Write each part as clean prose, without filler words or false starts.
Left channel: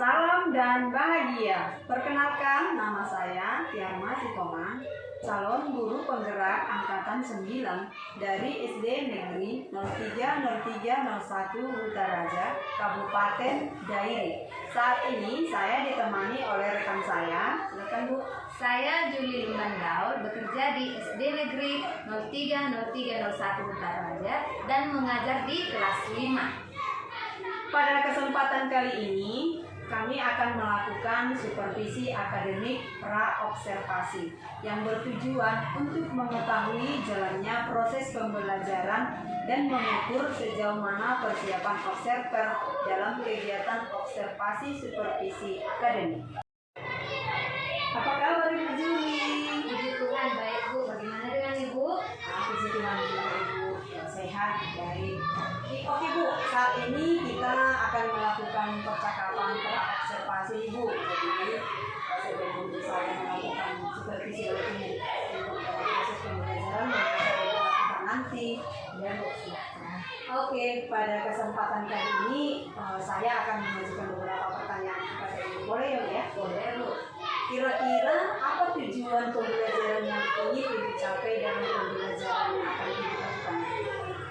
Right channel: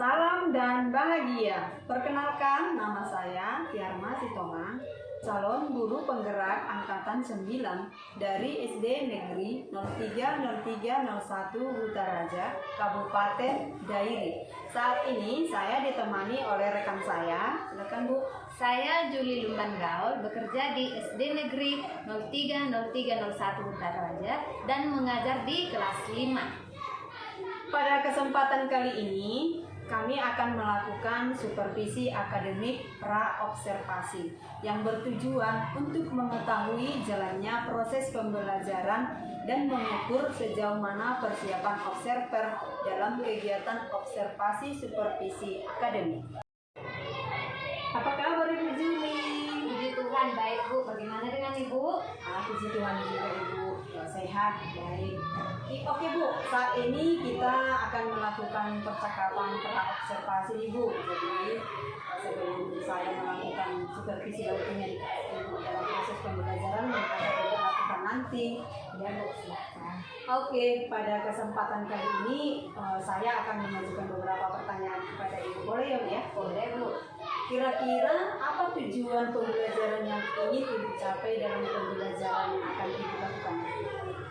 Salam dan bahagia. Perkenalkan, nama saya Tiarma Sitomang, calon guru penggerak angkatan 9 dari SD Negeri 030301 Hutaraja, Kabupaten Dairi. Saat ini saya ditemani oleh rekan saya. Silakan Bu. Saya Juli Lumban Gaul, bekerja di SD Negeri 030301 Hutaraja dan mengajar di kelas 5. Pada kesempatan kali ini, kami akan melakukan supervisi akademik pra-observasi yang bertujuan untuk mengetahui jalannya proses pembelajaran dan mengukur sejauh mana persiapan observer dalam kegiatan observasi supervisi akademik. Apa kabar Ibu Juli? Puji Tuhan, baik Bu. Bagaimana dengan Ibu? Puji Tuhan juga Ibu, sehat, baik. Oke Bu, saat ini kita akan melakukan percakapan pra-observasi Ibu. Jadi sebelum saya melakukan supervisi dari Ibu dalam proses pembelajaran yang akan Ibu lakukan nanti. Dan Bu, silakan. Oke, pada kesempatan kali ini saya akan mengajukan beberapa pertanyaan kepada Ibu. Boleh ya Bu ya? Boleh Bu. Kira-kira apa tujuan pembelajaran yang ingin Ibu capai dalam pembelajaran yang akan Ibu lakukan?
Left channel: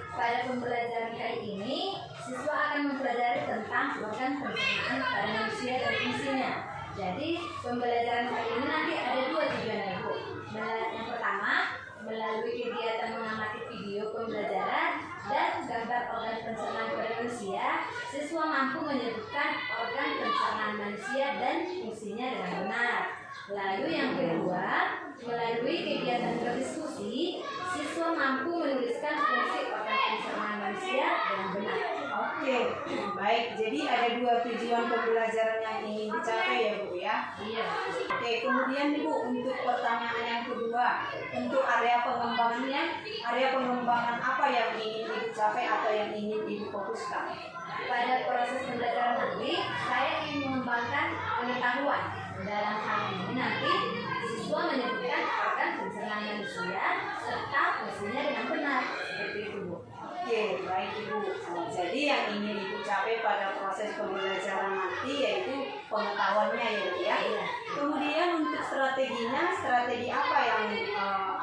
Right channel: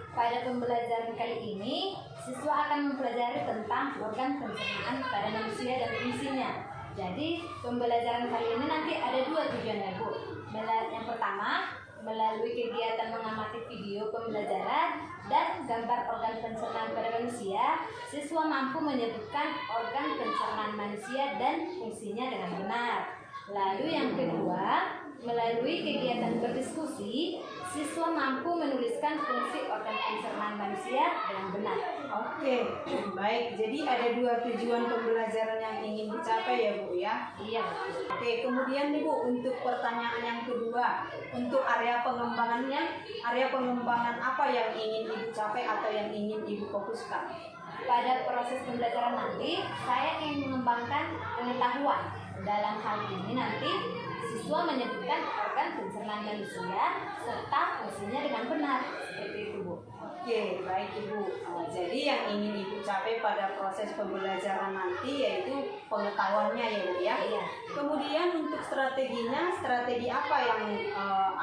Pada pembelajaran kali ini, siswa akan mempelajari tentang organ pencernaan pada manusia dan fungsinya. Jadi, pembelajaran kali ini nanti ada dua tujuannya Bu. Yang pertama, melalui kegiatan mengamati video pembelajaran dan gambar organ pencernaan pada manusia, siswa mampu menyebutkan organ pencernaan manusia dan fungsinya dengan benar. Lalu yang kedua, melalui kegiatan berdiskusi, siswa mampu menuliskan fungsi organ pencernaan manusia dengan benar. Oke, baik. Jadi ada dua tujuan pembelajaran yang ingin dicapai ya Bu ya? Iya. Oke, kemudian Ibu untuk pertanyaan yang kedua, untuk area pengembangannya, area pengembangan apa yang ingin Ibu capai atau yang ingin Ibu fokuskan? Pada proses pembelajaran nanti, saya ingin mengembangkan pengetahuan. Dalam hal ini nanti, siswa menyebutkan organ pencernaan manusia serta fungsinya dengan benar. Seperti itu Bu. Oke, baik Ibu. Jadi yang ingin Ibu capai pada proses pembelajaran nanti yaitu pengetahuannya ya Bu ya? Iya. Kemudian untuk strateginya, strategi apa yang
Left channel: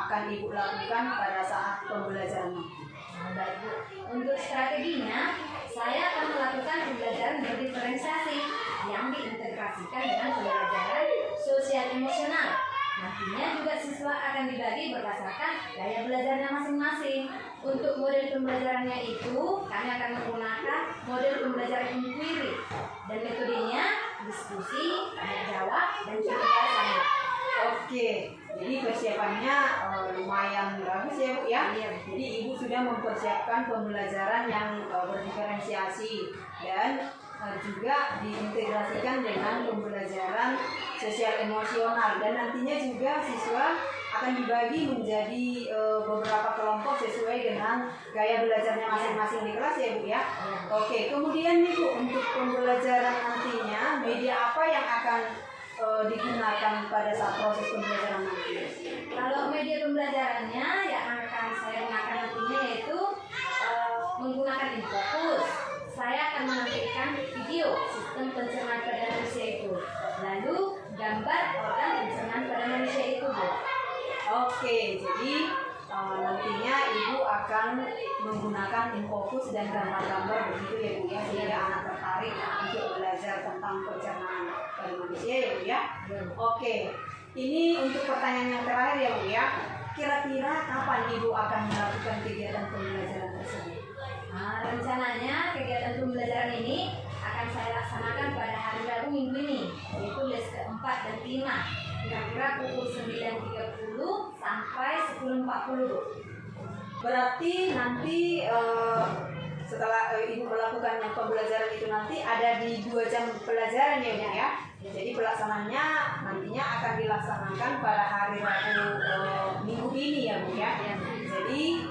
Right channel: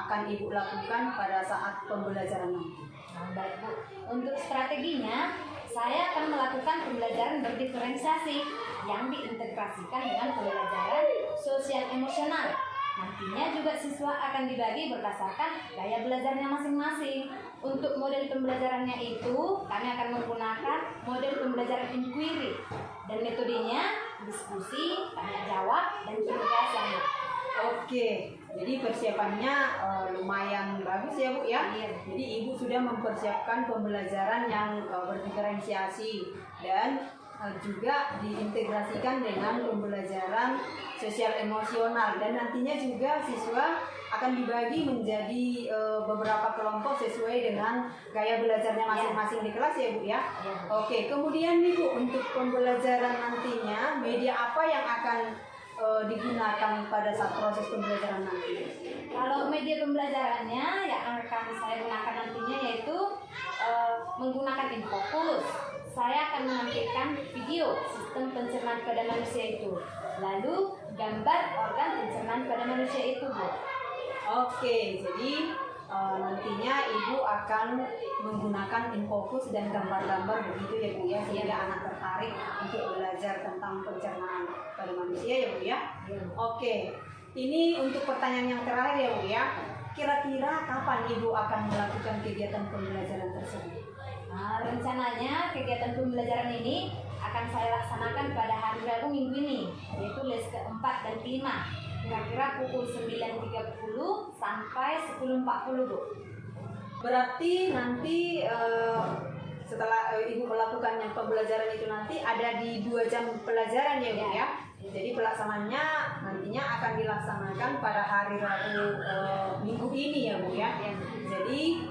akan Ibu lakukan pada saat pembelajaran nanti? Baik Bu. Untuk strateginya, saya akan melakukan pembelajaran berdiferensiasi yang diintegrasikan dengan pembelajaran sosial emosional. Nantinya juga siswa akan dibagi berdasarkan gaya belajarnya masing-masing. Untuk model pembelajarannya itu, kami akan menggunakan model pembelajaran inquiry dan metodenya diskusi, tanya jawab, dan kecerdasan. Oke, jadi persiapannya lumayan bagus ya Bu ya. Jadi Ibu sudah mempersiapkan pembelajaran yang berdiferensiasi dan juga diintegrasikan dengan pembelajaran sosial emosional, dan nantinya juga siswa akan dibagi menjadi beberapa kelompok sesuai dengan gaya belajarnya masing-masing di kelas ya Bu ya. Oke, kemudian nih Bu, untuk pembelajaran nantinya media apa yang akan digunakan pada saat proses pembelajaran nanti? Kalau media pembelajarannya yang akan saya gunakan nantinya yaitu menggunakan InFocus. Saya akan menampilkan video sistem pencernaan pada manusia itu, lalu gambar organ pencernaan pada manusia itu Bu. Oke, jadi nantinya Ibu akan menggunakan InFocus dan gambar-gambar begitu ya Bu ya, sehingga anak tertarik untuk belajar tentang pencernaan pada manusia ya Bu ya. Oke, ini untuk pertanyaan yang terakhir ya Bu ya. Kira-kira kapan Ibu akan melakukan kegiatan pembelajaran tersebut? Rencananya kegiatan pembelajaran ini akan saya laksanakan pada hari Rabu minggu ini, yaitu les keempat dan kelima, kira-kira pukul 9.30 sampai 10.40 Bu. Berarti nanti setelah Ibu melakukan pembelajaran itu nanti ada di 2 jam pelajaran ya Bu ya. Jadi pelaksanaannya nantinya akan dilaksanakan pada hari Rabu minggu ini ya Bu ya. Jadi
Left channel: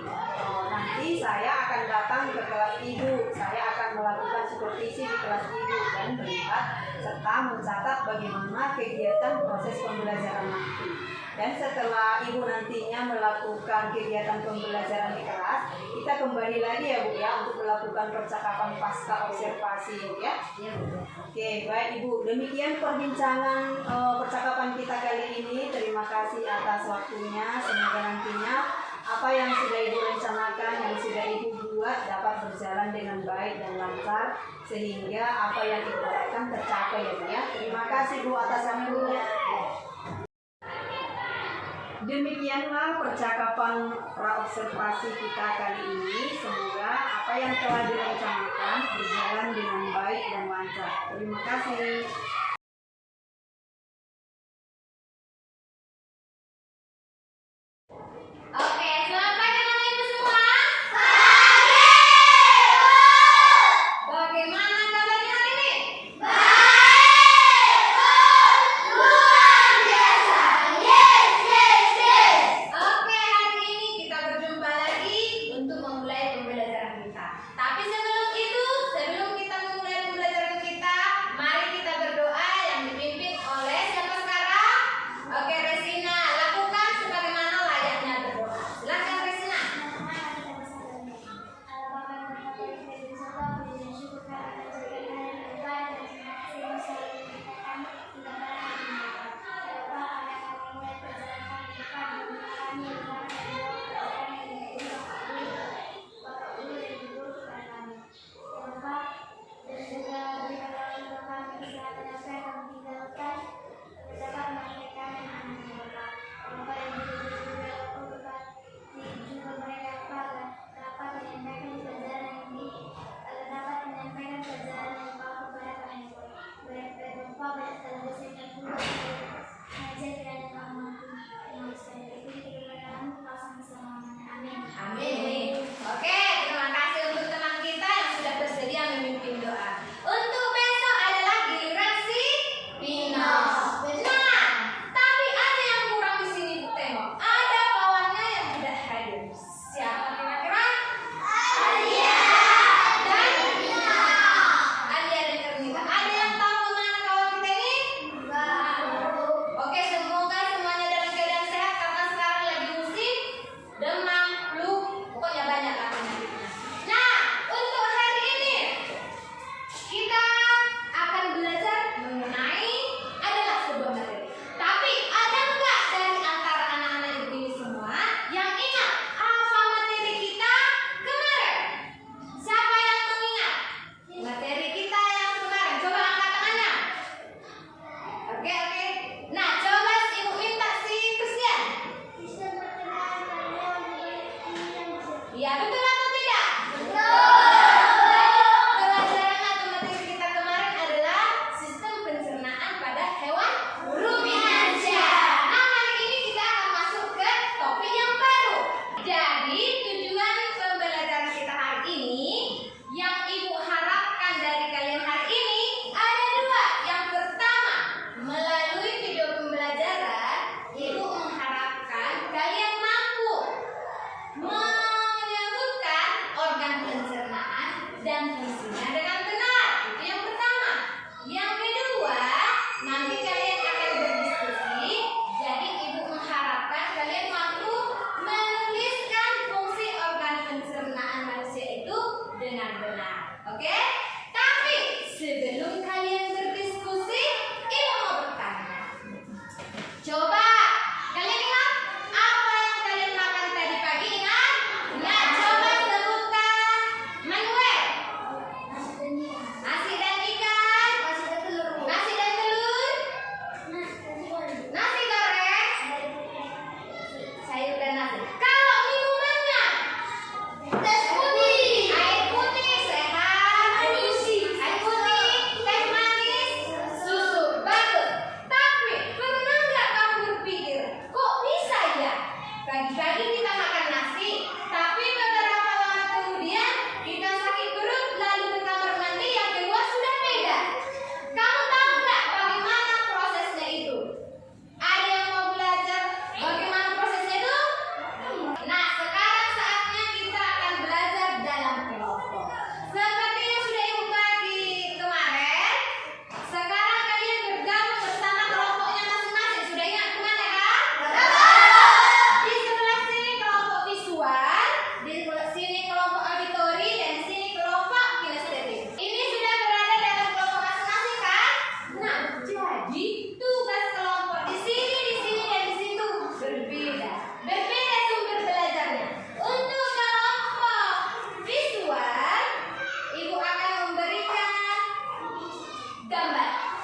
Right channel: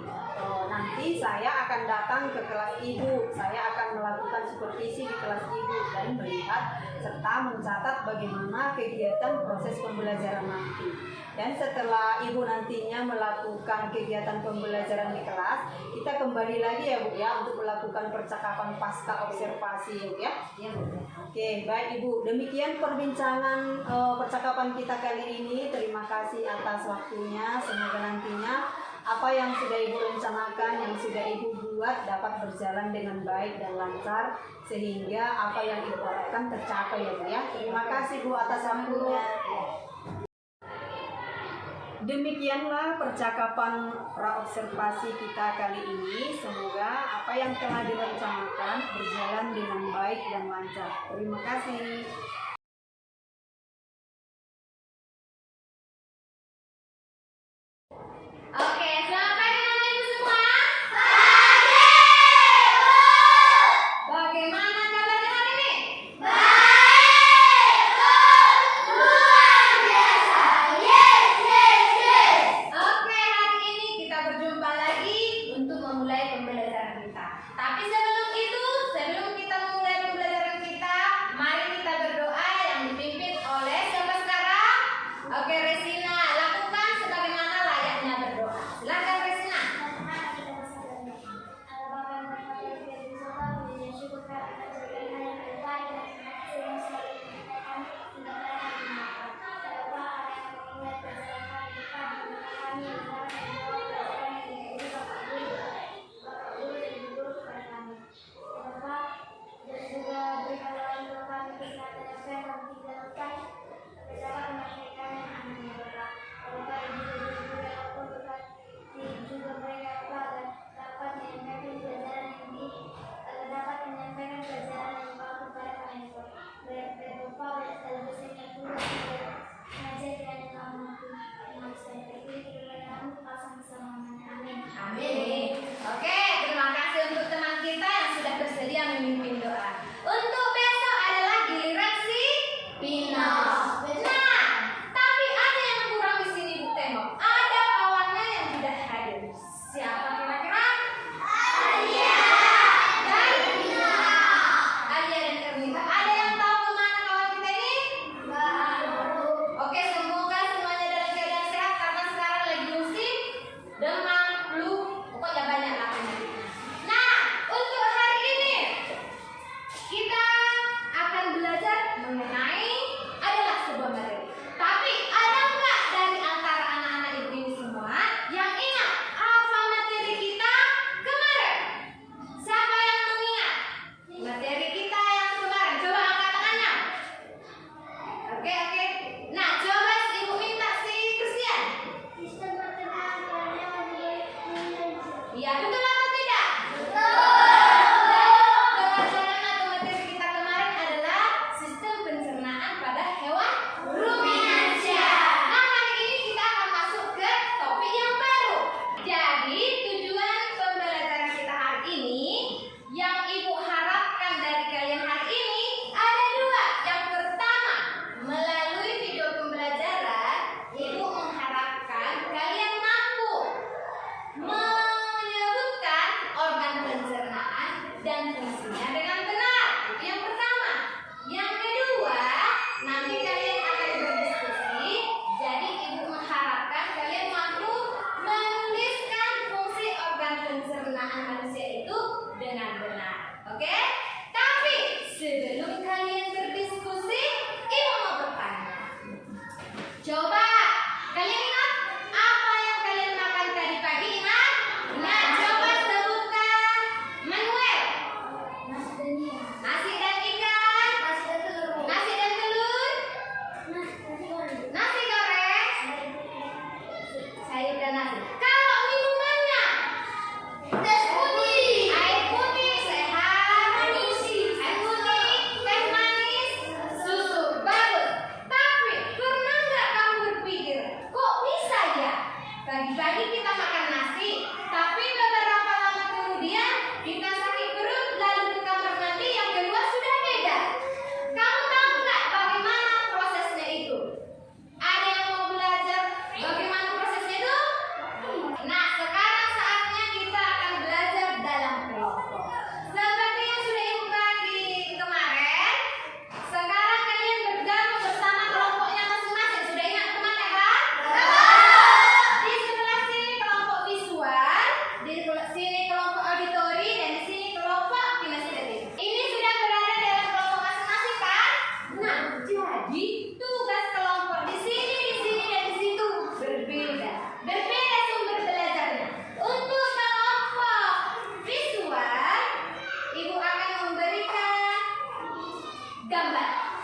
nanti saya akan datang ke kelas ibu, saya akan melakukan supervisi di kelas ibu dan melihat serta mencatat bagaimana kegiatan proses pembelajaran nanti. Dan setelah ibu nantinya melakukan kegiatan pembelajaran di kelas, kita kembali lagi ya Bu ya untuk melakukan percakapan pasca observasi Bu ya. Iya, Bu. Oke, baik Ibu. Demikian perbincangan percakapan kita kali ini. Terima kasih atas waktunya. Semoga nantinya apa yang sudah Ibu rencanakan, yang sudah Ibu buat dapat berjalan dengan baik dan lancar sehingga apa yang Ibu harapkan tercapai ya Bu ya. Terima kasih Bu atas waktunya. Demikianlah percakapan praobservasi kita kali ini. Semoga apa yang telah direncanakan berjalan dengan baik dan lancar. Terima kasih. Oke, selamat pagi Bapak Ibu semua. Bagaimana kabarnya hari ini? Oke, hari ini kita berjumpa lagi untuk memulai pembelajaran kita. Tapi sebelum itu, sebelum kita memulai pembelajaran kita, mari kita berdoa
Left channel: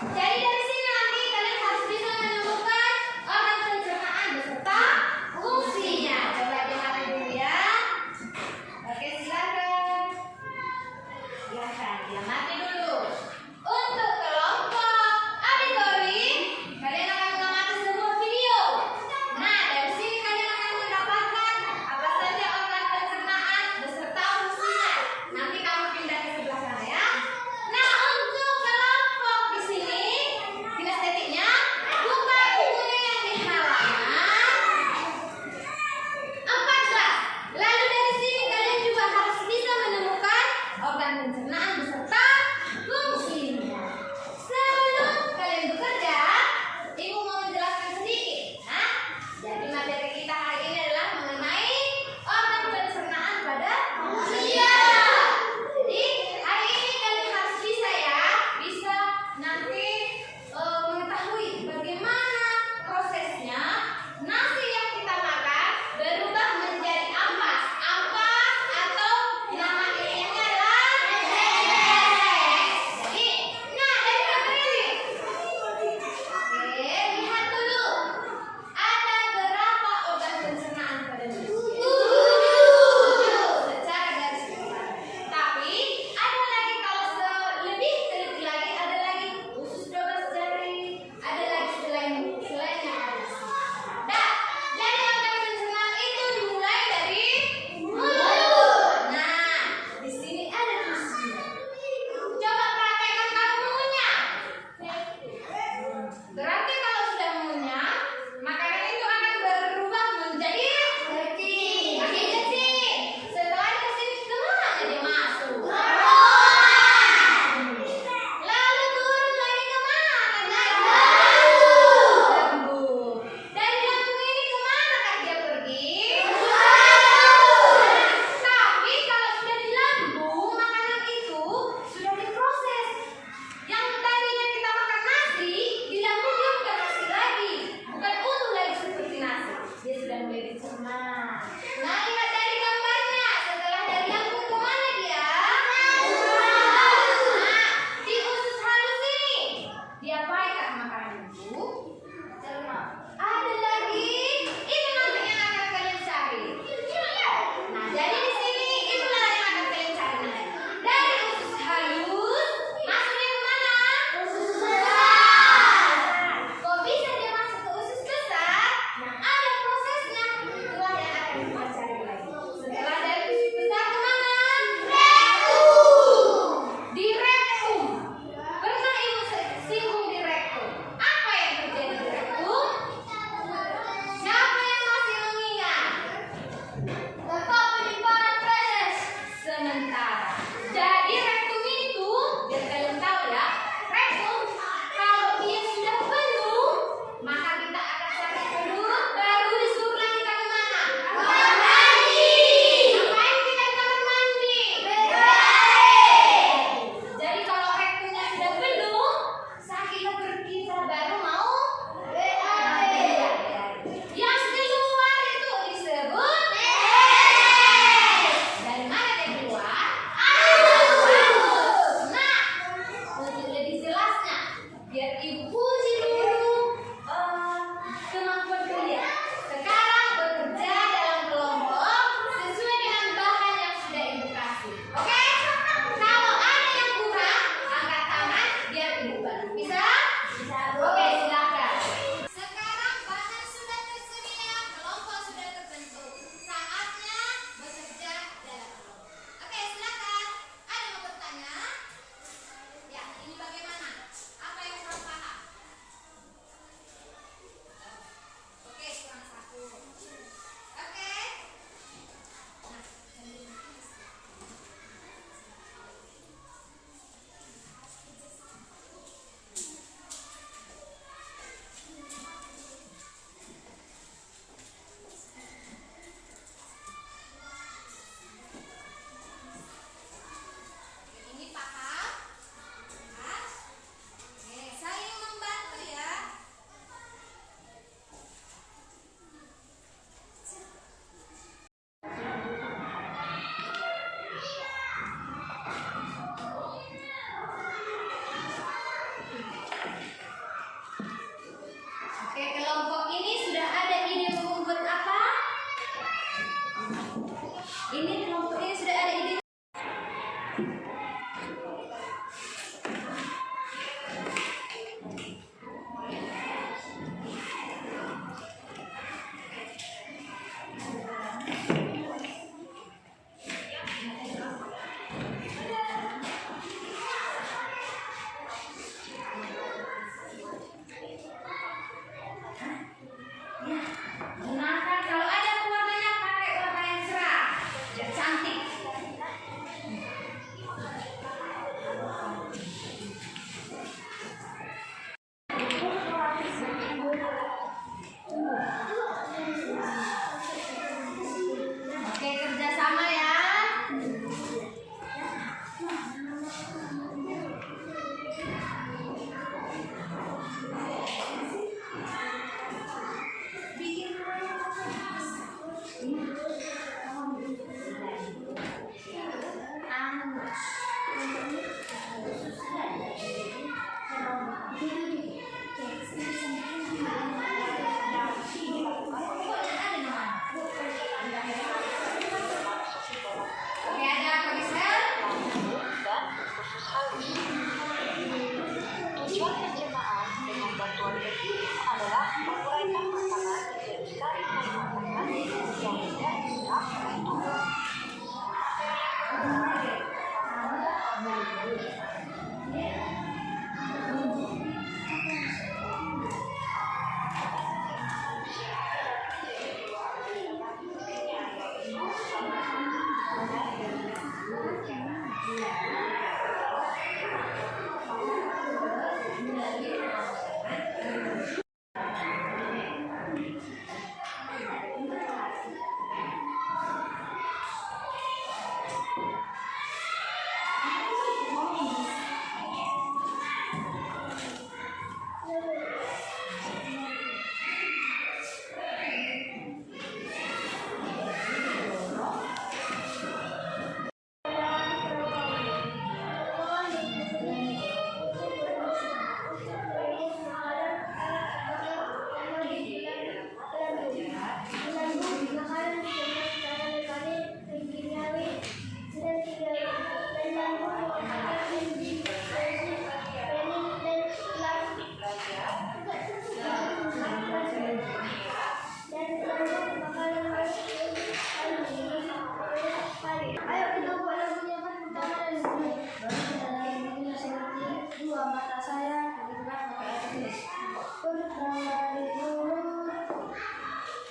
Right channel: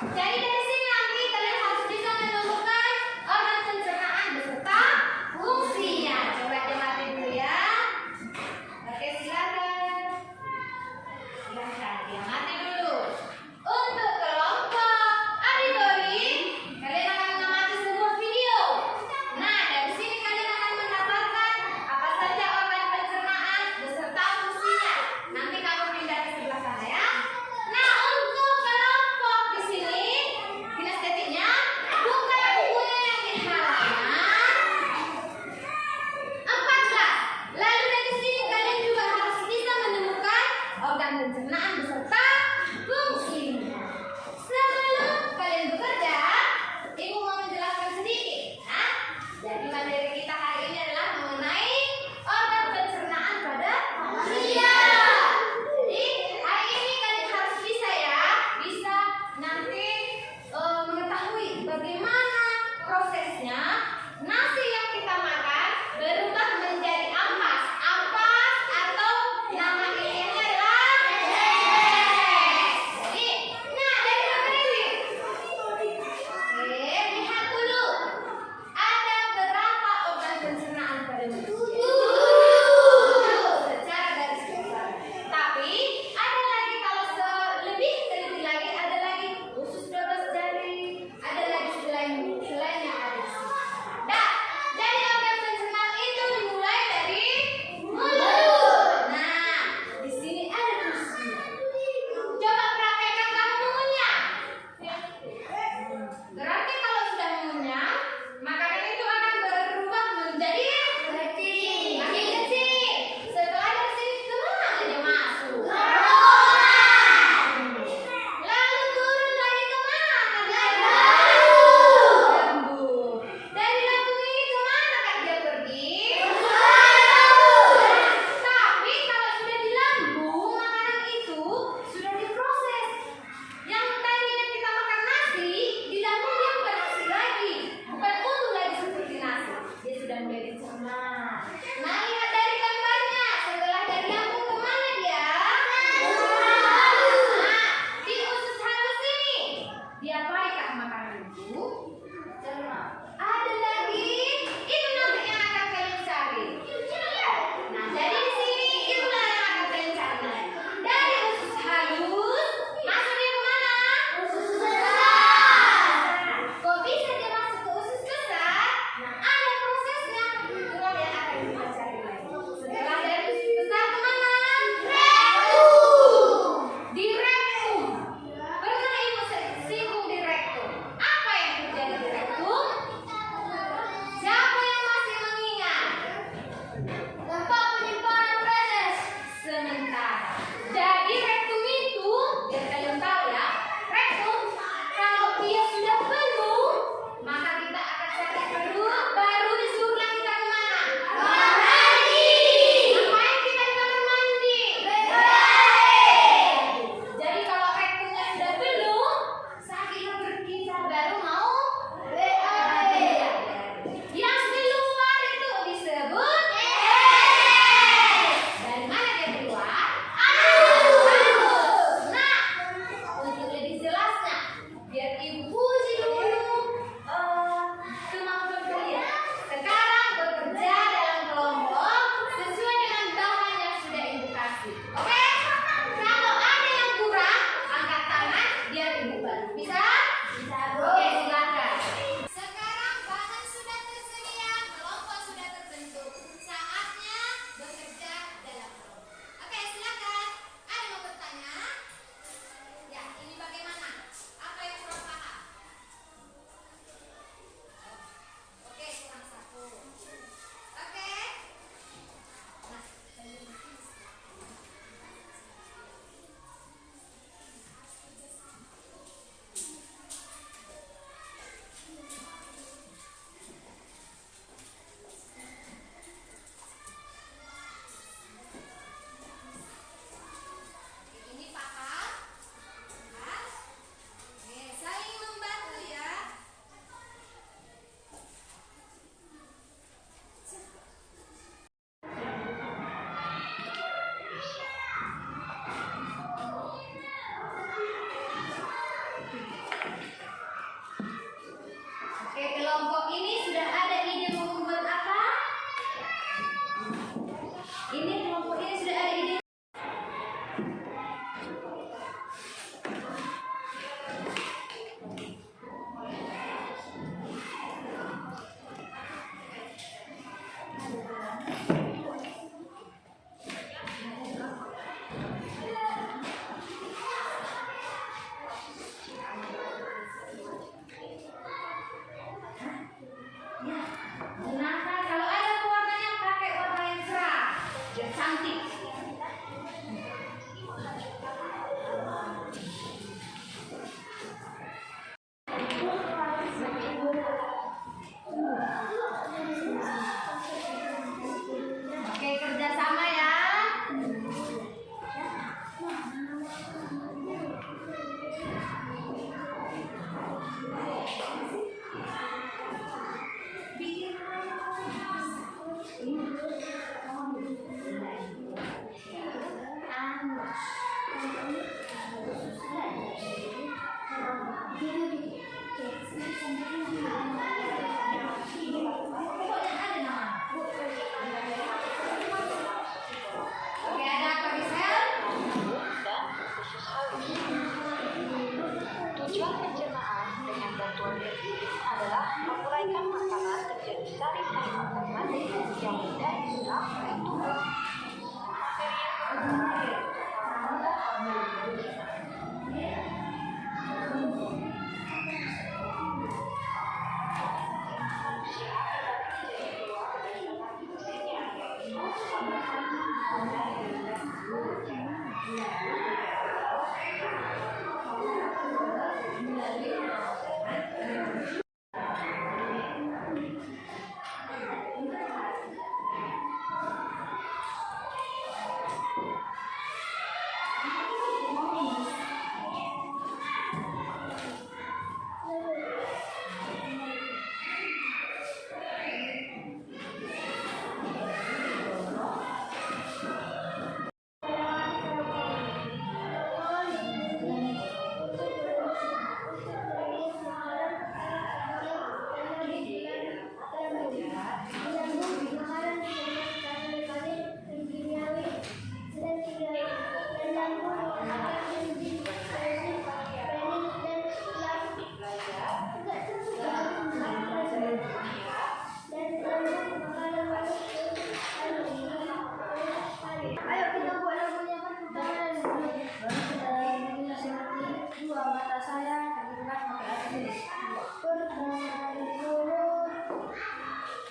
Jadi dari sini nanti kalian harus bisa menemukan organ pencernaan beserta fungsinya. Coba diamati dulu ya. Oke, silakan. Silakan diamati dulu. Untuk kelompok auditori, kalian akan mengamati sebuah video. Nah, dari sini kalian akan mendapatkan apa saja organ pencernaan beserta fungsinya. Nanti kamu pindah ke sebelah sana ya. Nah, untuk kelompok di sini kinestetiknya buka bukunya yang di halaman 14. Lalu dari sini kalian juga harus bisa menemukan organ pencernaan beserta fungsinya. Sebelum kalian bekerja, Ibu mau menjelaskan sedikit. Nah, jadi materi kita hari ini adalah mengenai organ pencernaan pada manusia. Jadi hari ini kalian harus bisa ya, bisa nanti mengetahui bagaimana prosesnya nasi yang kita makan berubah menjadi ampas. Ampas atau nama ilmiahnya adalah meses. Jadi, nah dari bagian ini. Oke, lihat dulu. Ada berapa organ pencernaan pada manusia? 7 secara garis besar. Tapi ada lagi kalau lebih teliti lagi, ada lagi usus 12 jari, ada lagi selainnya ada di sini. Nah, jadi organ pencernaan itu dimulai dari mulut. Nah, di sini ada ususnya. Coba praktekkan kamu mengunyah. Berarti kalau sudah mengunyah, makanan itu akan berubah menjadi kecil. Makin kecil. Setelah dari sini kemana dia masuk? Lalu turun lagi kemana? Naik lambung. Dari lambung ini kemanakah dia pergi? Tapi kalau sudah di lambung, makanan itu sudah diproses. Yang tadinya kita makan nasi, di lambung dia bukan nasi lagi, bukan utuh lagi seperti nasi. Dia sudah mulai dicerna. Nah, lihat dari gambarnya. Setelah dari lambung kemana dia? Nah, di usus halus ini. Diapakan makanan itu? Ada lagi. Itu nanti yang akan kalian cari. Nah, jadi di sini itulah yang akan kalian cari nanti. Dari usus halus masuknya kemana? Usus besar. Kok bisa dia masuk ke usus besar? Nah, ada prosesnya. Itulah yang akan kita cari lagi. Setelah dari usus besar kemana? Rektum. Di rektum. Pernah Ibu singgung di rektum. Apa yang terjadi di rektum? Siapa yang masih mengingat? Tempat penyimpanan feses sementara. Jadi rektum itu, biar kalian tahu ya, rektum kalau dia sudah penuh, maka kita akan cari perut, baru disuruh kita kemana? Kamar mandi. Ngapain kita di kamar mandi? Jadi kalau rektumnya sudah penuh, saat kita berkita baru mau yang keluar itu disebut dari mana dia keluar? Nah, untuk lebih jelasnya, biar Ibu puji dulu kemampuan kalian. Sekarang bekerja dalam kelompok sesuai dengan bahan yang sudah Ibu kasih. Oke? Kalau ada yang kurang, angkat tangan biar Ibu bantu. Bisa? Bisa. Oke, silakan. Sekarang bahan sudah tersedia, kelompok sudah terbentuk. Saatnya bekerja dalam kelompok. Oke, silakan. Ada yang mau bertanya? Ya, ini bagaimana? Apa yang kurang paham? Oke, kurang satu. Oke. Nah,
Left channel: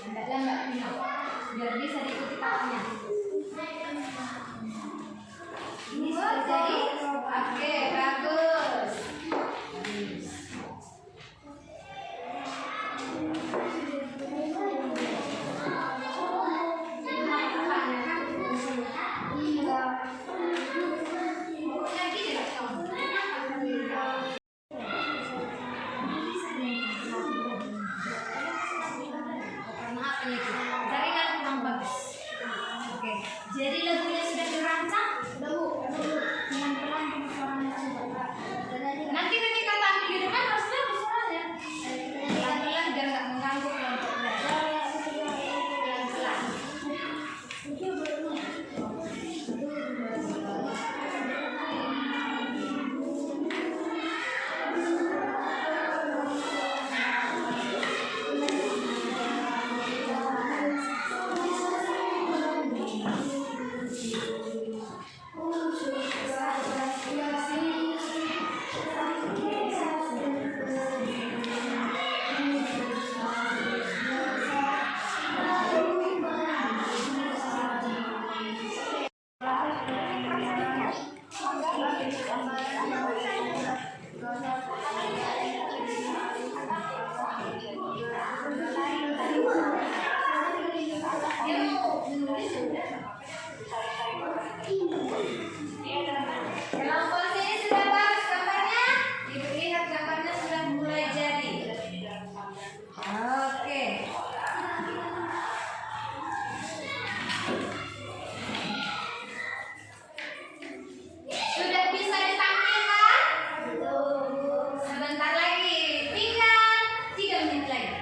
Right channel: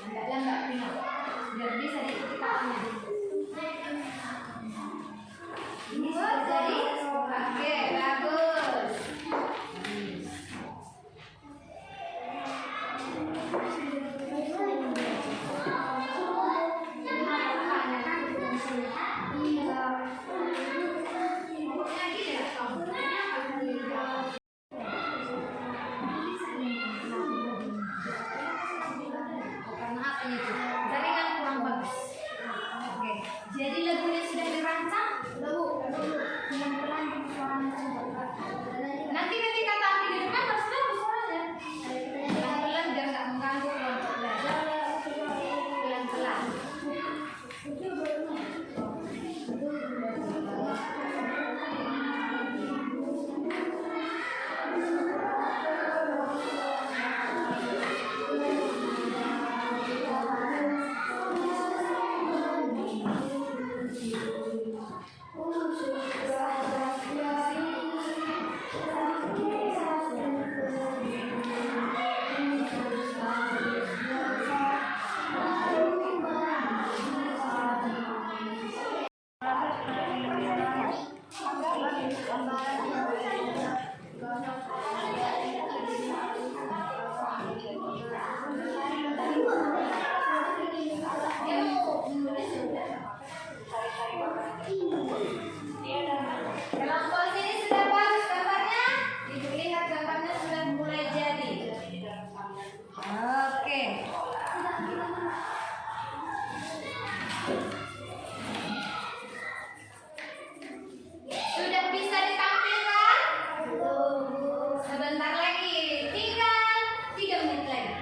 Lambat-lambat Pino, biar bisa diikuti kawannya. Ini sudah jadi. Oke, bagus. Karena apa itu? Jaringan kurang bagus. Oke, jadi lagunya sudah dirancang? Cuman pelan suaranya coba. Nanti ketika tampil di depan harus bagus suaranya. Pelan-pelan biar nggak mengganggu kelompok belajar. Pelan-pelan. Kelompok sini sudah bagus gambarnya. Ibu lihat gambarnya sudah mulai jadi. Oke. Sudah bisa ditampilkan? Sebentar lagi, tinggal 3 menit lagi.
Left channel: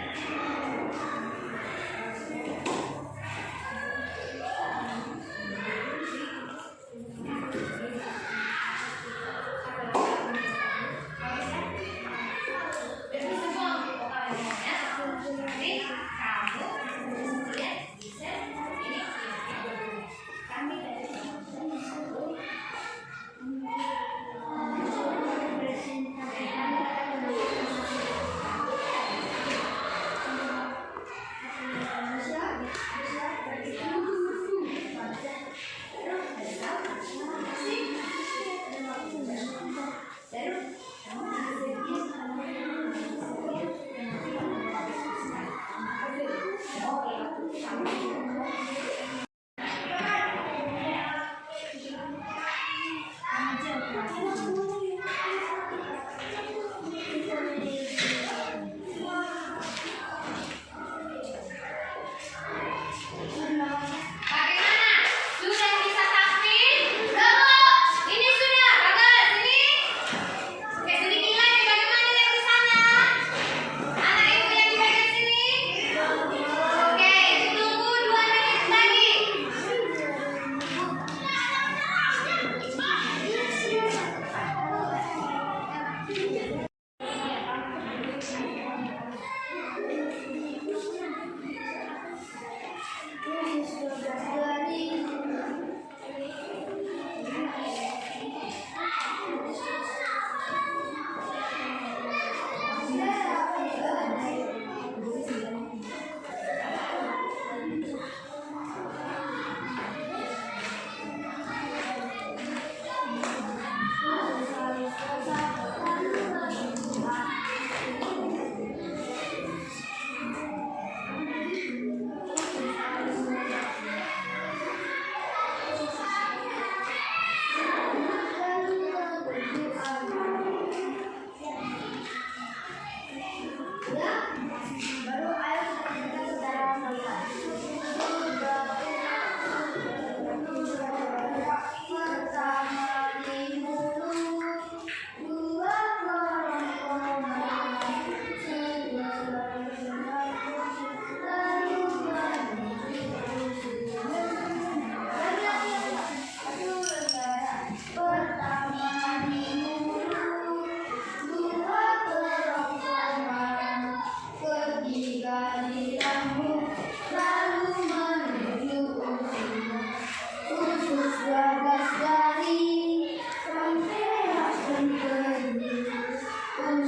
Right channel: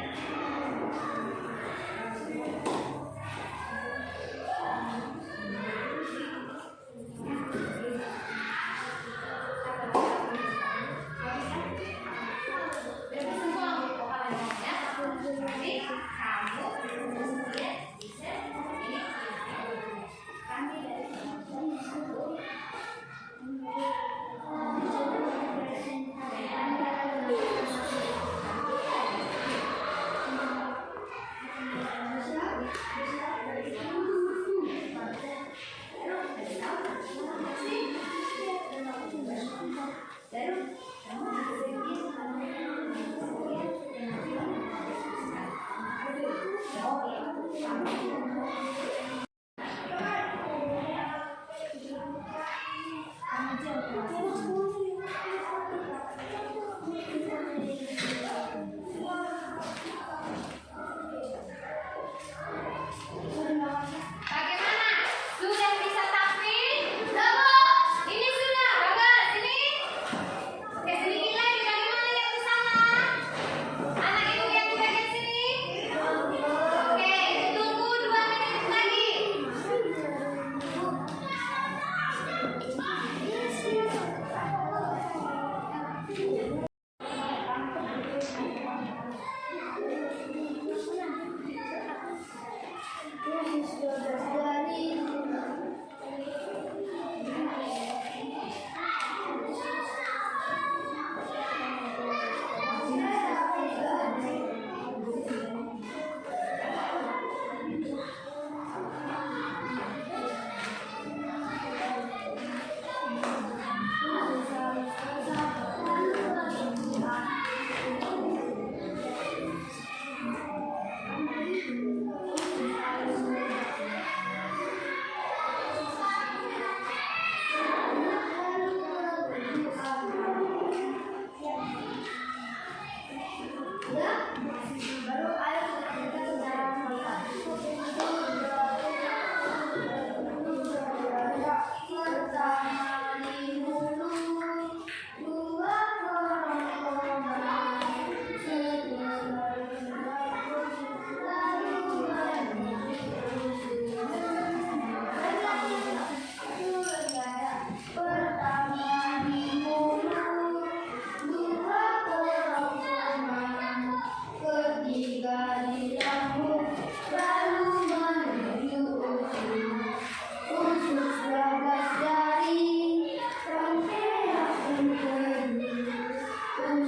Ya.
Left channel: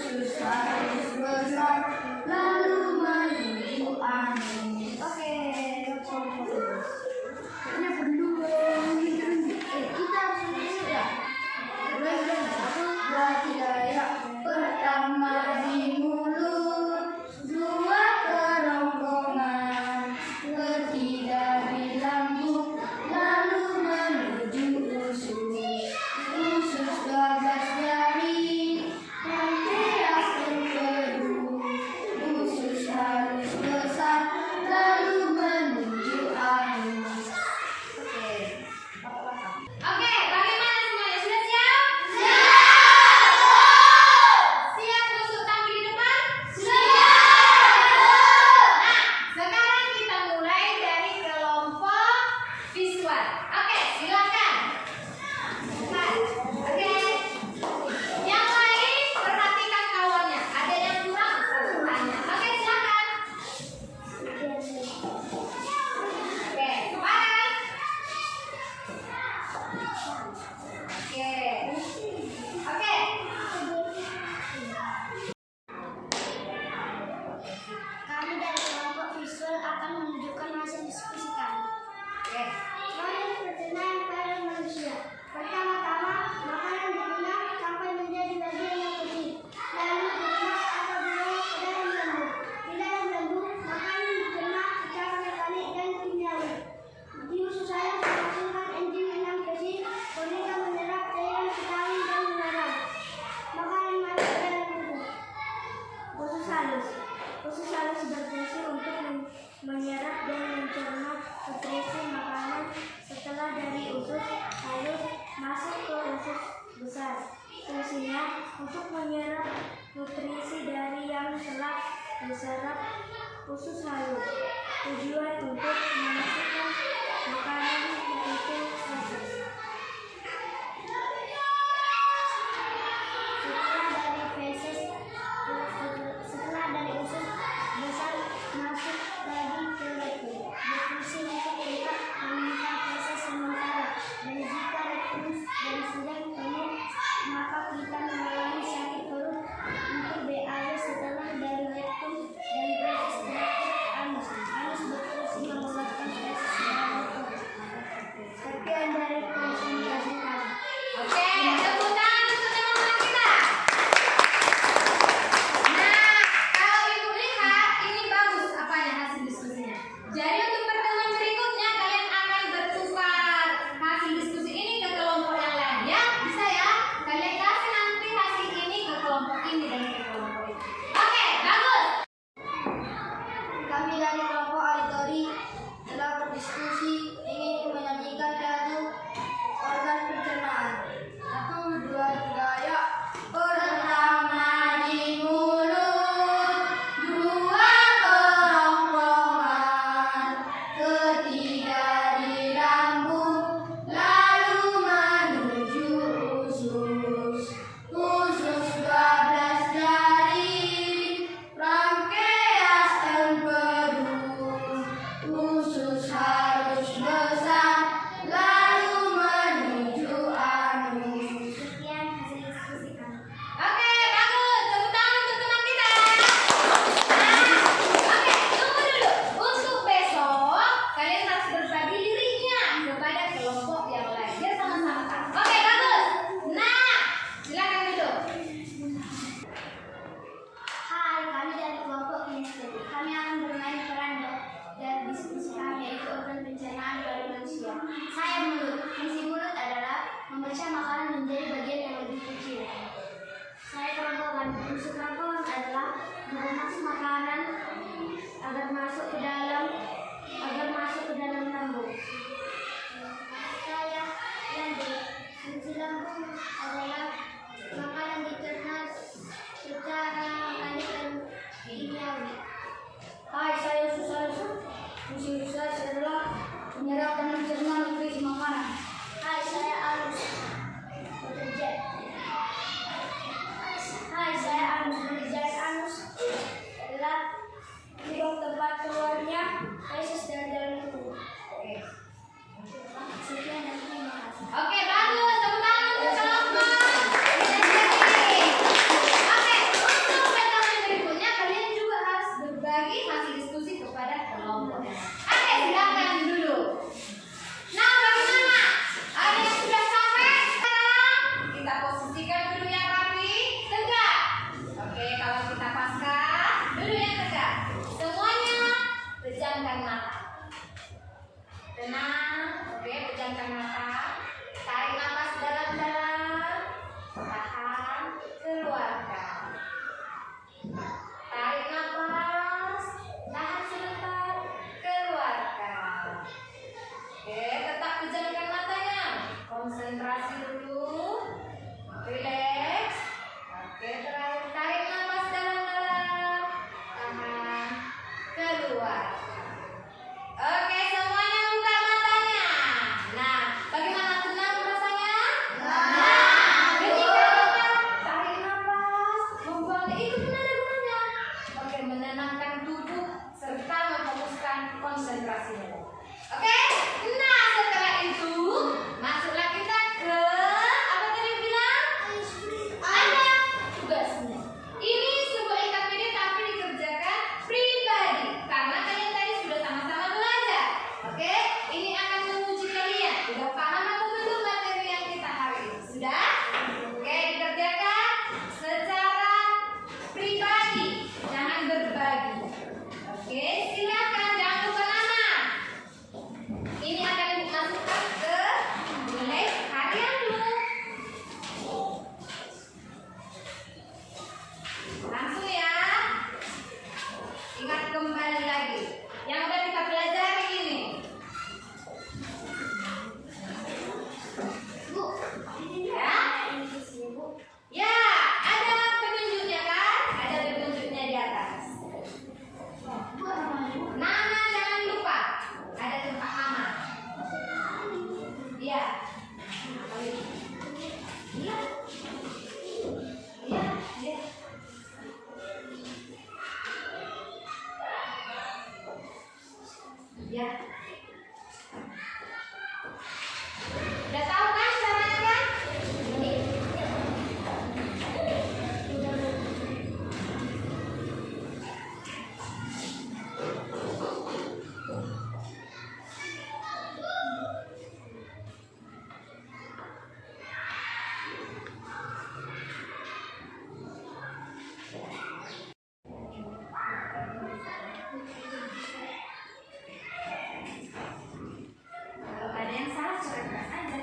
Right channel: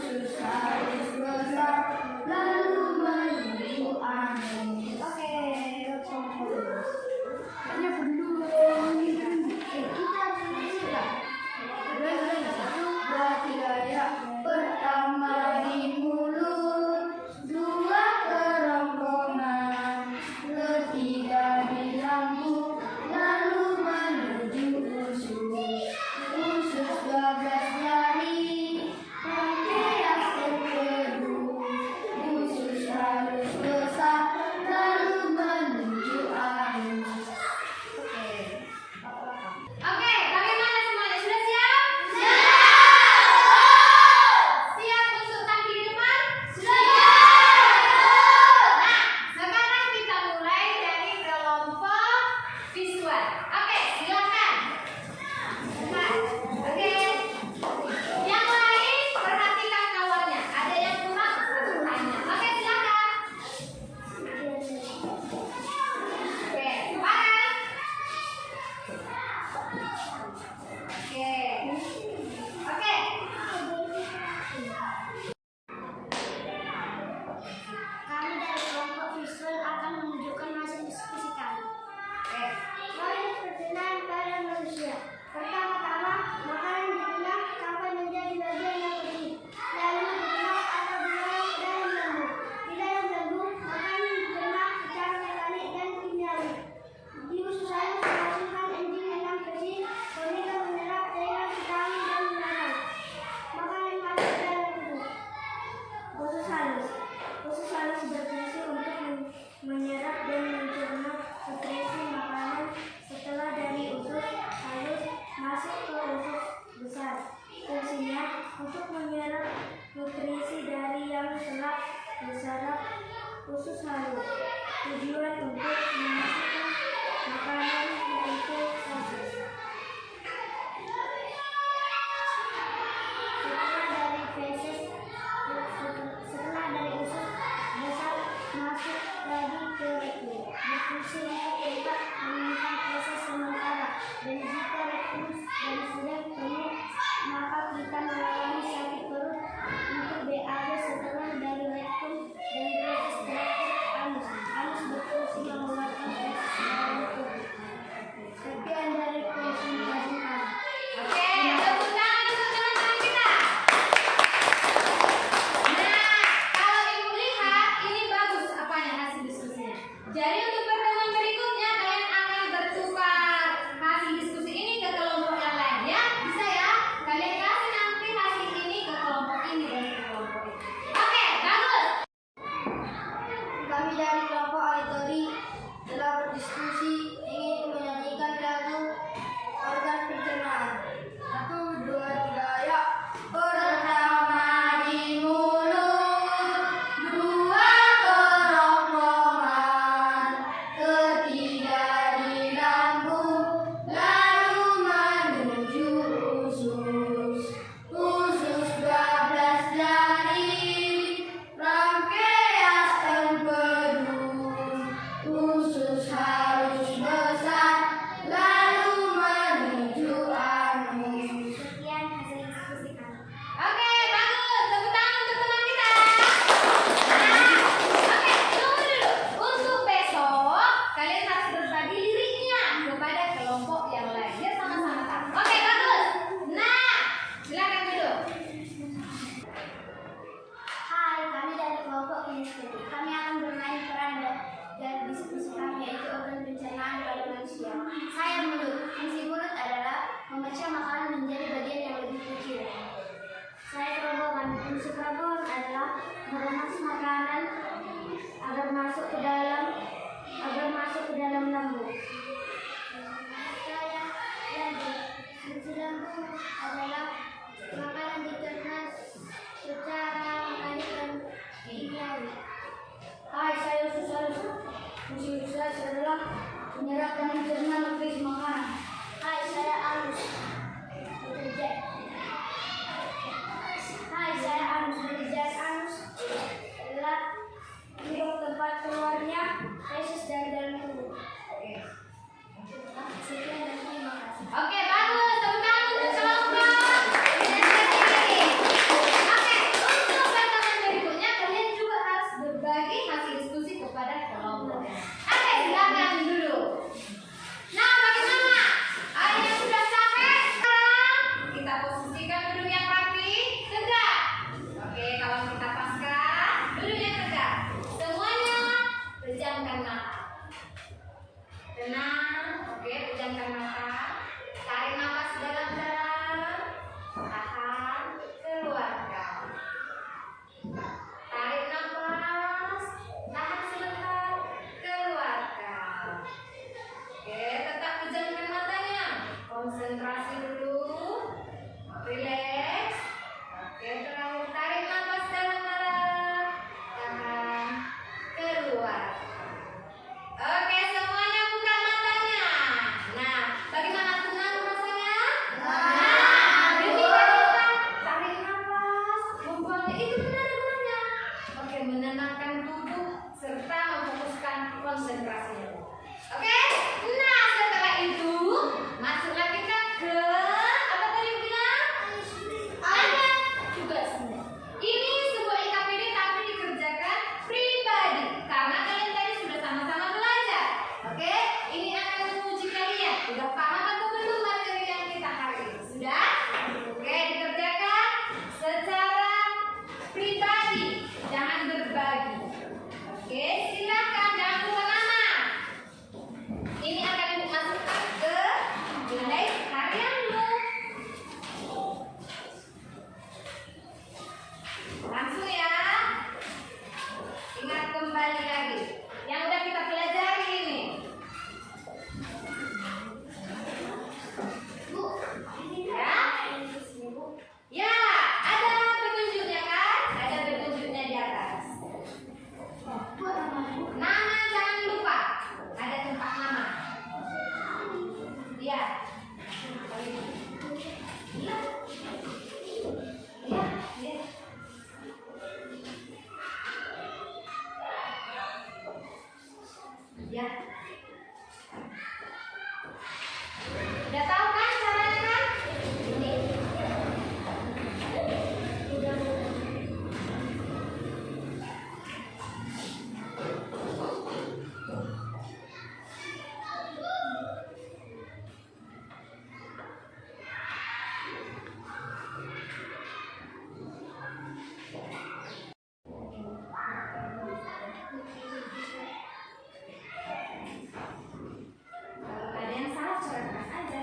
usus harus besar lalu menuju angin. Oke, kita harus ya. Satu, dua, tiga, ya. Pertama di mulut, dua kerongkongan, ketiga di lambung, lalu menuju usus. Usus 12 jari, pankreas empedu, usus halus besar, lalu menuju anus. Oke, bagaimana semuanya? Sudah siap? Siap untuk tampil di depan? Nah, sekarang kita mulai dari kelompok visual. Oke, silakan. Oke. Yang lain perhatikan kawannya. Ada yang kurang? Tanya. Oke, silakan. Oke, sekarang. Oke. Oke. Kami dari kelompok visual akan menunjukkan hasil diskusi kami. Oke. Proses perkenalan pada manusia. Pertama-tama, makanan dibelah sampai menjadi bagian yang penting. Lalu dibelah atau diolah ke dalam lembut. Di dalam lembut, makanan dibelah secara mekanik dan kimiawi. Di usus halus menghasilkan enzim enam spesies, sehingga menyerap cairan vitamin dan mineral. Makanan masuk ke dalam tubuh. Usus halus. Usus halus berfungsi untuk menyerap dan mencerna nutrisi makanan setelah dari usus halus masuk ke usus besar. Fungsinya untuk menyerap nutrisi dari yang telah diserap usus halus. Tujuan untuk memasukkan makanan ke usus. Setelah dari usus besar masuk lagi ke rektum, berfungsi untuk tetap menyimpan feses sementara. Dan jika rektum dan sedang penuh, maka kita mengalami sakit perut untuk BAB. Setelah dari rektum dan feses terakhir anus. Anus berfungsi mengeluarkan feses dalam tubuh. Sekian dari presentasi kami. Oke, tepuk tangan untuk teman-teman kita. Jadi untuk pertemuan berikutnya kalian akan bertukar hasil diskusi ini ke kelompok yang lain ya. Bisa ya? Kalian kasih nanti hasil ini ke kelompok ini dan ke kelompok ini. Oke, bagus. Kami dari kelompok auditori telah berdiskusi ingin menyanyikan lagu organ pencernaan. 1, 2, 3, ya. Pertama di mulut, dua kerongkongan, ketiga di lambung, lalu menuju usus. Usus 12 jari, pankreas empedu, usus halus besar, lalu menuju anus. Sekian hasil diskusi kami. Oke, bagus. Tepuk tangan untuk teman kita. Oke, tunggu dulu. Untuk besok, kalian harus berbagi liriknya kepada kelompok yang lain. Biar sama-sama tahu. Oke, bagus. Nah, silakan duduk. Hai, kami dari kelompok kinestetik. Kami akan bermain peran dan diskusi kami yaitu organ pencernaan pada manusia. Saya mulut. Fungsi mulut adalah memecah makanan menjadi bagian yang lebih kecil. Saya kerongkongan. Fungsi kerongkongan adalah meremas makanan agar masuk ke dalam lambung. Saya lambung. Fungsi lambung adalah makanan dicerna secara mekanik dan kimiawi. Hai, saya usus halus. Fungsi usus halus adalah menyerap dan mencerna nutrisi makanan. Hai, saya halus. Hai, saya anus. Pekerjaan anus adalah lubang tempat keluarnya feses dari dalam tubuh. Sekian dan terima kasih. Oke, bagus. Tepuk tangan untuk kelompok. itu benar gunanya. Oke, menenangkan tubuh serta memfokuskan konsentrasi. Oke, nah setelah itu masuklah kita ke apa tadi bilang? Ada tugasnya. Ini sebuah EKPD tapi dikerjakan pribadi karena kalian tadi sudah sama-sama belajar. Oke, ini akan menguji kalian. Sudah paham atau belum materi yang kita hari ini? Sudah? Oke, dikerjakan secara pribadi, jangan berbagi. Oke, silakan jangan lupa nama. Ini akan dimasukkan ke nilai harianmu. Langsung ya. Ingat kembali lagi yang udah kita pelajari ini. Bu, ya. Ya, ada petunjuknya kan? Ada petunjuknya di atas. Nama jangan lupa. Ada tempat nama. Ya. Ya. Ya, ya. Ya. Udah tahu kan caranya kan? Ini. Kalau ada yang salah surat keras aja.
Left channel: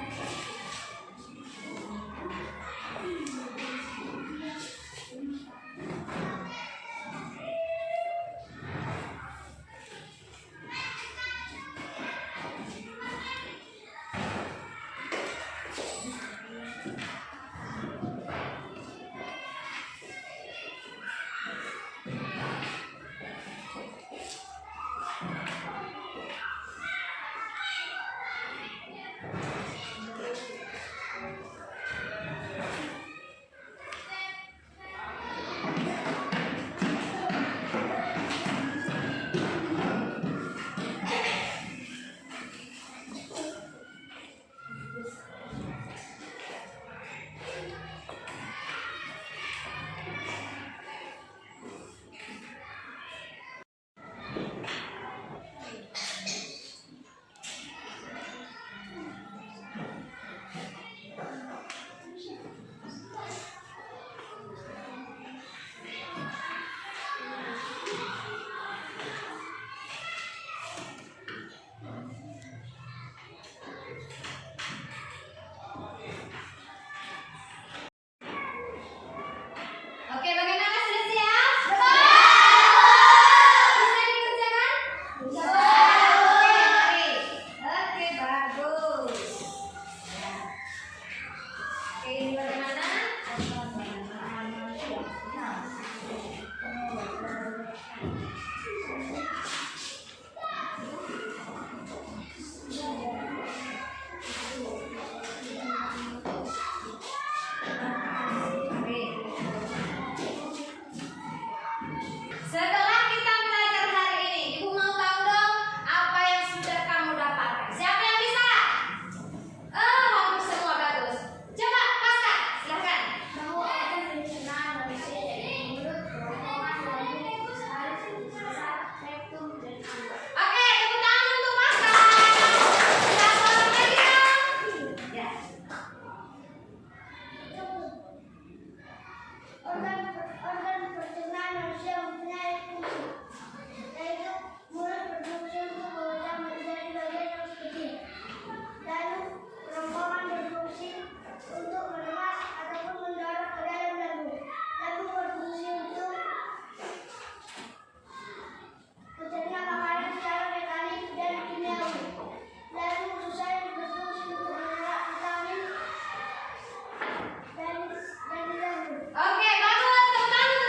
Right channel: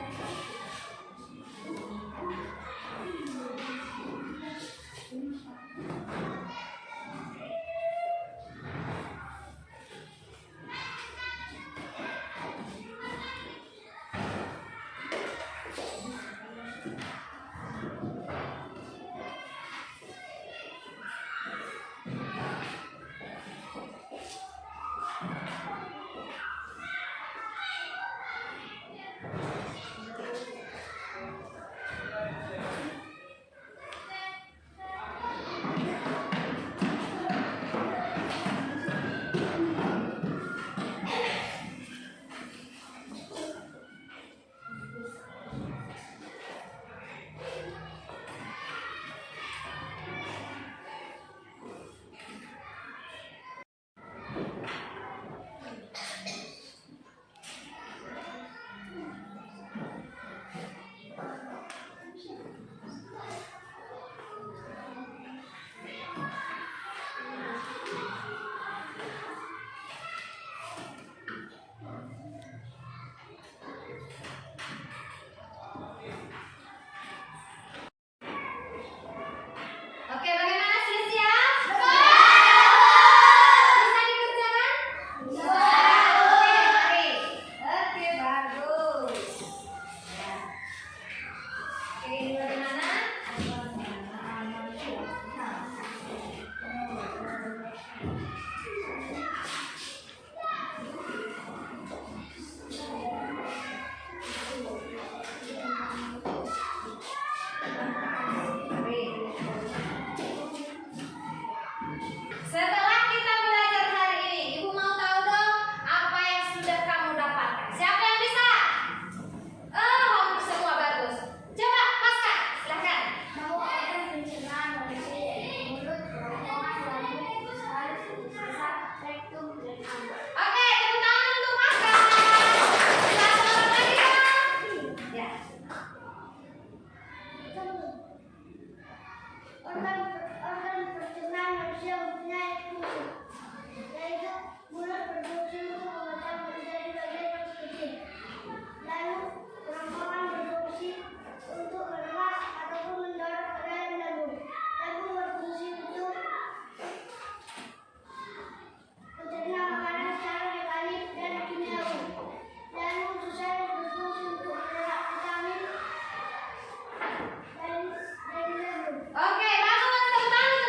Oke, bagaimana sudah siap? Bisa dikerjakan? Oke, mari. Oke, bagus. Ya. Oke, ini bagaimana? Setelah kita belajar hari ini, Ibu mau tahu dong apa yang sudah kamu dapatkan. Siapa yang bisa? Oh, hampir semua bagus. Coba paskan, silahkan. Oke, tepuk tangan untuk paskan. Kita seorang lagi dong. Ya. Organ pencernaan manusia mempunyai fungsi, yaitu mulut berfungsi untuk mengeluarkan menjadi bagian yang kecil. Lalu kerongkongan berfungsi untuk mengemas ataupun mendorong ke dalam lambung. Lambung berfungsi untuk mencerna makanan secara mekanik dan kimiawi. Lalu usus sayap berfungsi untuk menyerap vitamin dari lambung. Oke, bagus. Tepuk tangan untuk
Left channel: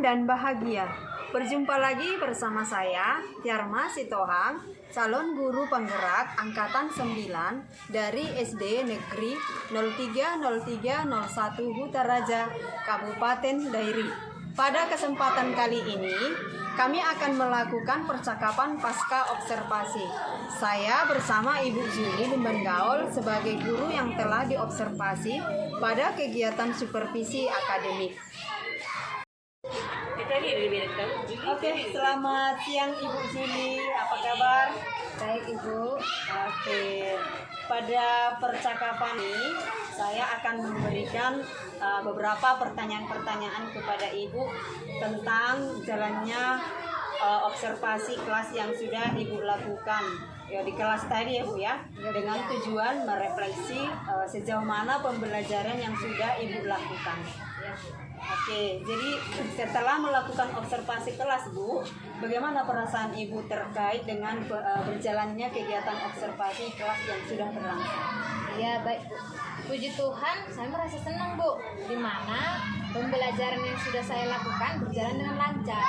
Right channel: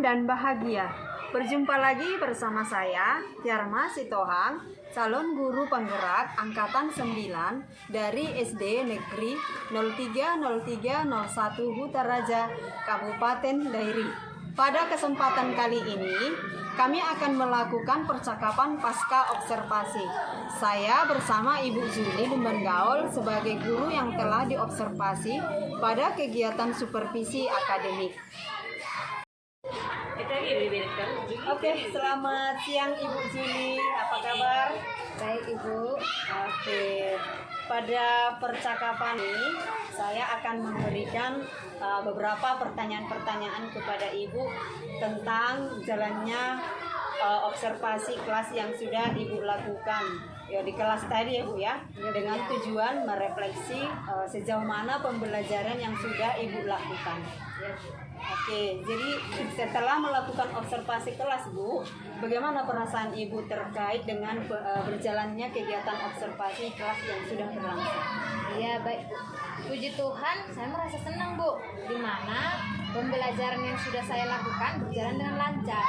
aman dan bahagia. Berjumpa lagi bersama saya, Tiarma Sitohang, calon guru penggerak Angkatan 9 dari SD Negeri 030301 Hutaraja, Kabupaten Dairi. Pada kesempatan kali ini, kami akan melakukan percakapan pasca observasi. Saya bersama Ibu Zuli Lumban-Gaol sebagai guru yang telah diobservasi pada kegiatan supervisi akademik. Oke, selamat siang Ibu Zuli, apa kabar? Baik Ibu. Oke, pada percakapan ini saya akan memberikan beberapa pertanyaan-pertanyaan kepada Ibu tentang jalannya observasi kelas yang sudah Ibu lakukan ya di kelas tadi ya Bu ya, dengan tujuan merefleksi sejauh mana pembelajaran yang sudah Ibu lakukan. Oke, jadi setelah melakukan observasi kelas Bu, bagaimana perasaan Ibu terkait dengan berjalannya kegiatan observasi kelas yang sudah berlangsung? Ya baik Bu. Puji Tuhan, saya merasa senang Bu, di mana pembelajaran yang sudah saya lakukan berjalan dengan lancar.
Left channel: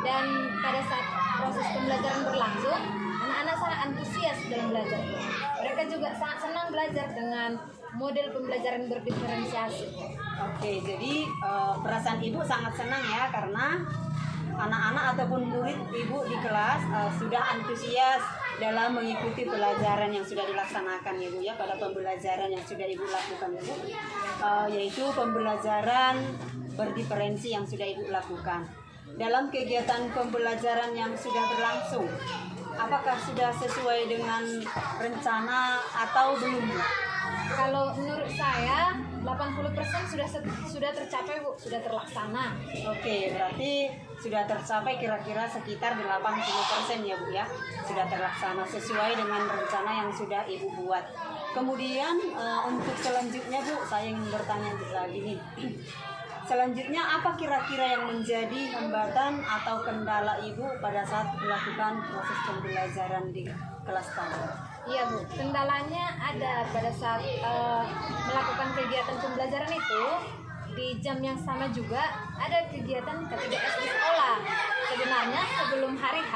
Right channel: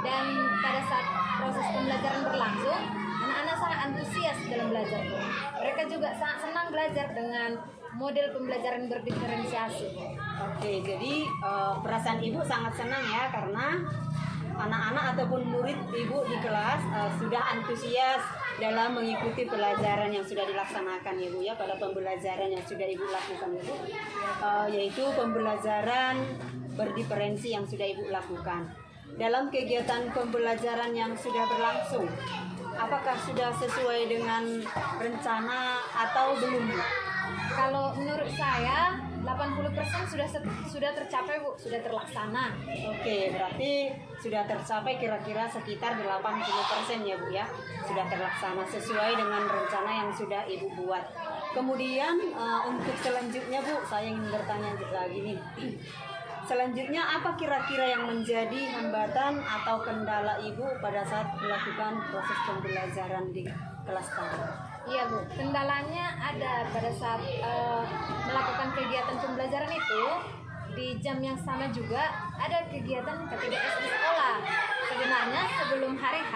Dan pada saat proses pembelajaran berlangsung, anak-anak sangat antusias dalam belajar Bu. Mereka juga sangat senang belajar dengan model pembelajaran berdiferensiasi Bu. Oke, jadi perasaan Ibu sangat senang ya karena anak-anak ataupun murid Ibu di kelas sudah antusias dalam mengikuti pelajaran yang sudah dilaksanakan ya Bu ya, pada pembelajaran yang sudah Ibu lakukan ya Bu, yaitu pembelajaran berdiferensi yang sudah Ibu lakukan. Dalam kegiatan pembelajaran yang sudah berlangsung, apakah sudah sesuai dengan rencana atau belum Bu? Kalau menurut saya 80% sudah tercapai Bu, sudah terlaksana. Oke, berarti sudah tercapai kira-kira sekitar 80% ya Bu ya, sudah terlaksana sesuai dengan rencana yang sudah Ibu buat. Kemudian untuk selanjutnya Bu, saya ingin bertanya lagi nih. Selanjutnya apa kira-kira yang menjadi hambatan atau kendala Ibu pada saat melakukan proses pembelajaran di kelas tadi? Iya Bu, kendalanya ada pada saat melakukan kegiatan pembelajaran itu di jam yang sama juga ada kegiatan K3S di sekolah. Sebenarnya sebelum hari H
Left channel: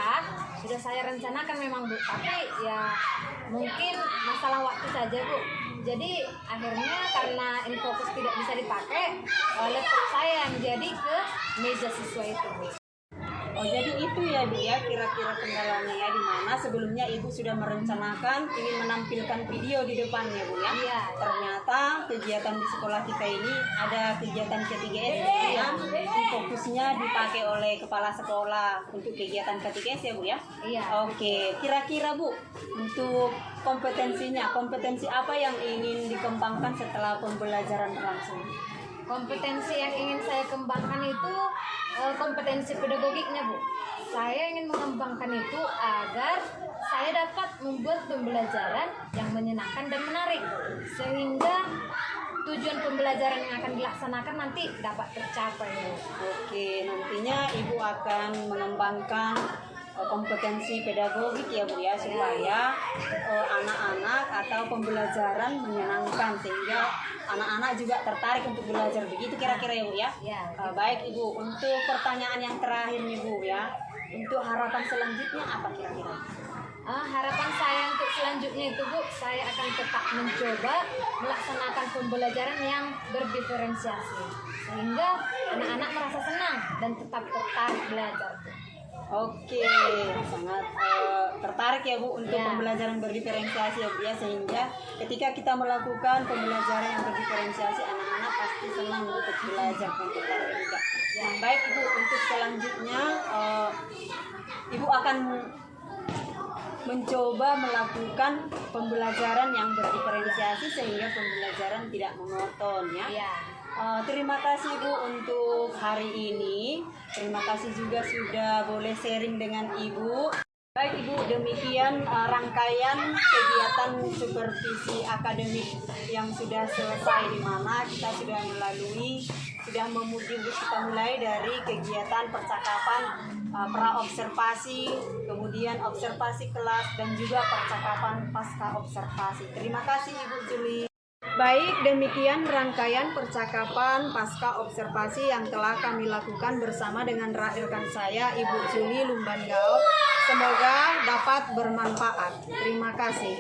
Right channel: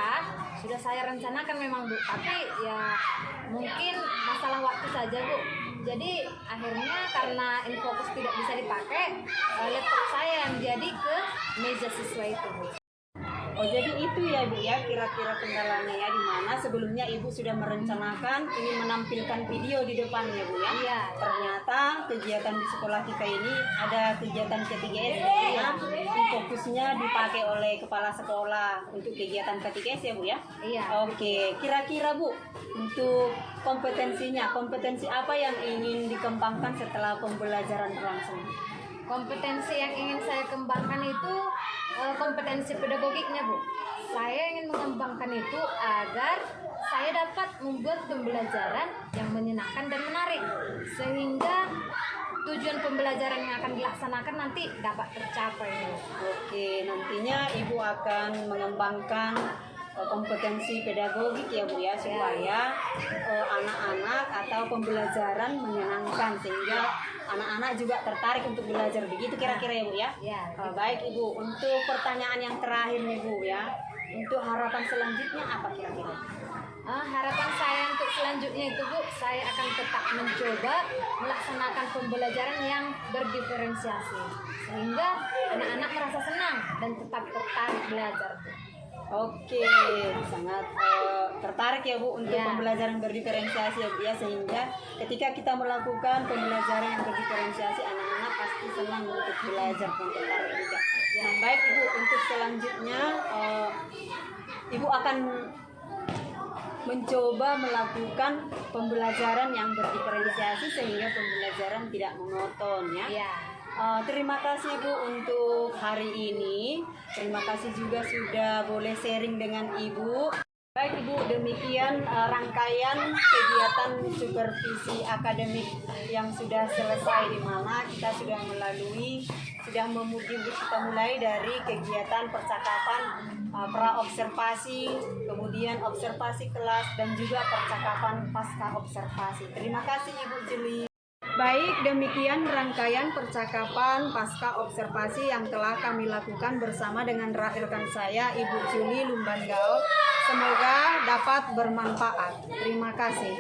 sudah saya rencanakan memang Bu, tapi ya mungkin masalah waktu saja Bu. Jadi akhirnya karena InFocus tidak bisa dipakai, laptop saya yang jadi ke meja siswa itu Bu. Oh jadi itu ya Bu ya kira-kira kendalanya ya, di mana sebelumnya Ibu sudah merencanakan ingin menampilkan video di depannya Bu ya. Iya. Ternyata kegiatan di sekolah kita ini ada kegiatan K3S yang fokusnya dipakai oleh kepala sekolah untuk kegiatan K3S ya Bu ya. Iya. Oke, kira-kira Bu untuk kompetensinya, kompetensi apa yang ingin dikembangkan setelah pembelajaran berlangsung? Kompetensi yang ingin saya kembangkan itu kompetensi pedagogiknya Bu. Saya ingin mengembangkan itu agar saya dapat membuat pembelajaran yang menyenangkan dan menarik, sehingga tujuan pembelajaran yang akan dilaksanakan nanti dapat tercapai Bu. Oke, nantinya Ibu akan mengembangkan kompetensi pedagogik ya Bu ya, supaya anak-anak atau pembelajaran menyenangkan sehingga anak-anak juga tertarik untuk belajar, begitu kira-kira ya Bu ya. Ya. Baik Ibu, untuk pertanyaan yang terakhir nih Bu ya, untuk harapan selanjutnya apa kira-kira? Harapan saya untuk selanjutnya itu Bu, saya akan tetap mencoba melaksanakan pembelajaran yang berdiferensiasi sehingga anak-anak merasa senang dan tetap tertarik belajar Bu. Oke, sangat tertarik ya Bu untuk Ya. pembelajaran berdiferensiasi ya Bu ya, sehingga ketika kita melakukan pembelajaran yang berdiferensiasi anak-anak pasti senang untuk belajar dan tertarik juga. Nah, baik Ibu, untuk selanjutnya Ibu akan mencoba melakukan pembelajaran yang berdiferensiasi sehingga pembelajaran tidak monoton ya. Ya. Terima kasih Bu untuk hari ini. Terima kasih juga sudah boleh sharing dengan Ibu. Baik Ibu, demikian rangkaian kegiatan supervisi akademik yang sudah selesai, di mana kita sudah mulai dari kegiatan percakapan pra observasi, kemudian observasi kelas dan juga percakapan pasca observasi. Terima kasih Ibu Juli. Baik, demikian rangkaian percakapan pasca observasi yang telah kami lakukan bersama dengan rekan saya, Ibu Juli Lumbanggao. Semoga dapat bermanfaat. Terima kasih.